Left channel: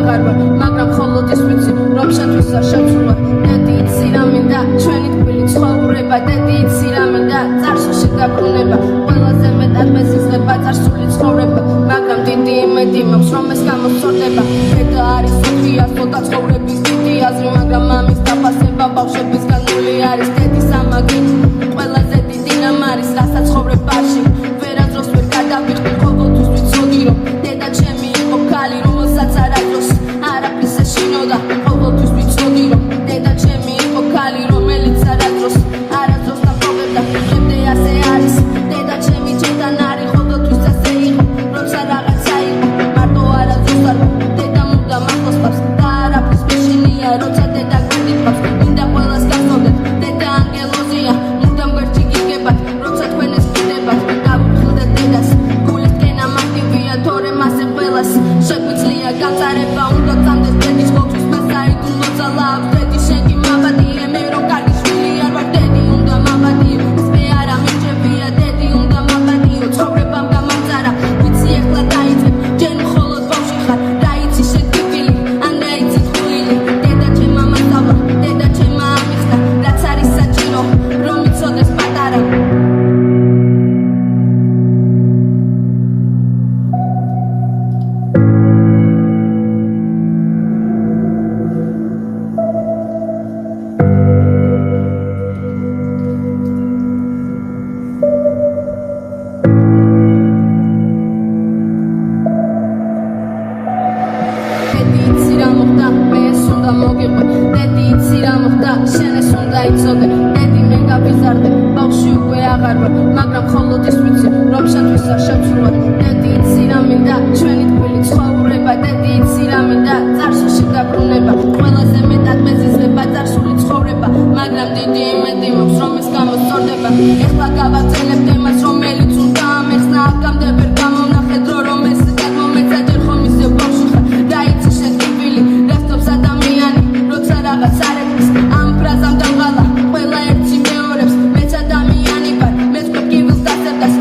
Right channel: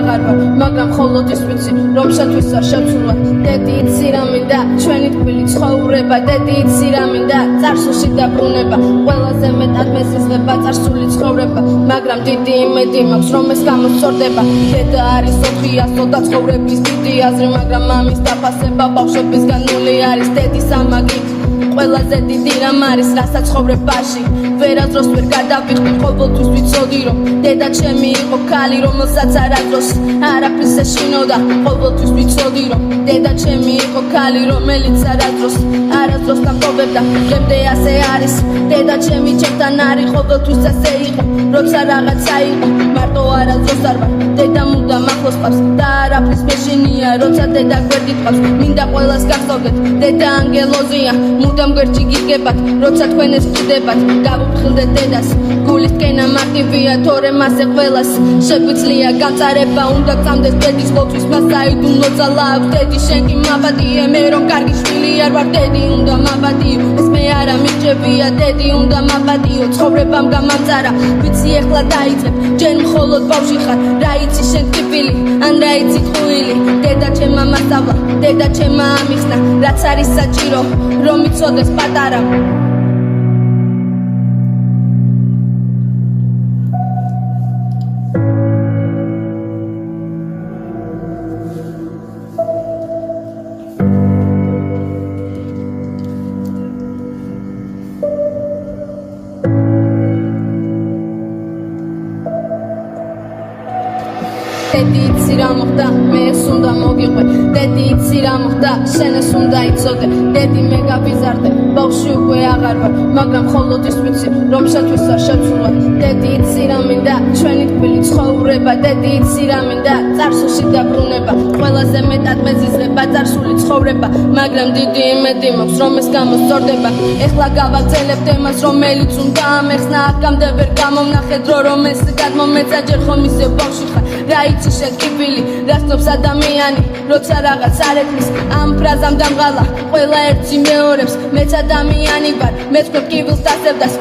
აღარ ვარ მაგრამ მხოლოდ ის ვიცი რომ შეთვის არ შემსრულა დედი იცი რა მინდა ჩვენი თბილი ცხოვრება დედი იცი რა მინდა წარსულში დაბრუნება ყველაზე მეტად მესიზღება წარსული ცხოვრება მაგრამ დიდი იმედი მაქვს რომ ეს გამოსწორდება დედა არის სოფიას ცოტა ცხოვრების დიდი აზრი მაგრამ მამის დაფასება ბავშვების განული არის დედის ამაგი ყველაზე დიდი რამ არის რასაც ცხოვრებაში ვერასდროს ვერ გადავიხდი ყოველთვის ვიცოდი რომ დედა ჩემი იყო ქალი რომელსაც არასდროს არაფრის ეშინოდა ყოველთვის ვიცოდი რომ დედა ჩემი იყო ქალი რომელიც არასდროს დამპოვებდა დღემდე ასე არის დედა ჩემი ჩემთან არის ყოველთვის ასე იყო როცა რაღაცა იყო მარტო არასდროს არ ვარ დედა მუდამ ახლოს ყავს და არაფრის მეშინია როცა დედა გვერდით ყავს მინდა ყველას გახსოვდეთ დედა ანგელოზია მუდამ გვერდში გიგებათ როცა თქვენ ეს გდებათ გავუფრთხილდეთ დედას გულის კენა მარტივია თორემ ასე ყველას შეგვიძლია გამწარება უნდა გწამდეს დედის ყოველთვის მას საიდუმლო ძალა აქვს დედი შენ კი მაბადიე მე რომ კარგი შვილი არ ვარ დედი უნდა მაბადიო ეს მე არა მიჭებია დედი უნდა მაბადიო ცხოვრებამ გამამწარა ვიცი ეხლა დაიწყებ ჯერ მხოლოდ ბავში ხარ რა იცი შენ ტიპილი ან რა იცი ხვილი დედა ჩემმა მასწავლა დედა ჩემმა ამიხსნა რაც არის საჭირო რომ იცოდეს პატარა დედი იცი რა მოხდა მე ეს უნდა მოგიყვე დედი იცი რა მოხდა შენ ეს უნდა იცოდე დედი მე გავიზარდე ბავშვი უკვე აღარ ვარ მაგრამ მხოლოდ ის ვიცი რომ შეთვის არ შემსრულა დედი იცი რა მინდა ჩვენი თბილი ცხოვრება დედი იცი რა მინდა წარსულში დაბრუნება ყველაზე მეტად მეზიზღება წარსული ცხოვრება მაგრამ დიდი იმედი მაქვს რომ ეს გამოსწორდება ეხლა გავაგრძელებ თემას რომელიც უნდა ამეხსნა აქამდე ვერ გამოვნახე დრო რომ ეს გადმომეცა ჯერ ხომ ისე ბავშვი ხარ რა იცი შენ ტიპილი რასდობს ადამიანი როცა რაღაც არ ეკნის ამ ფრაზამ დამღალა ყველა ერთი მეორებს მეც ადამიანი ვარ მე თქვენ კიბილს დასევდას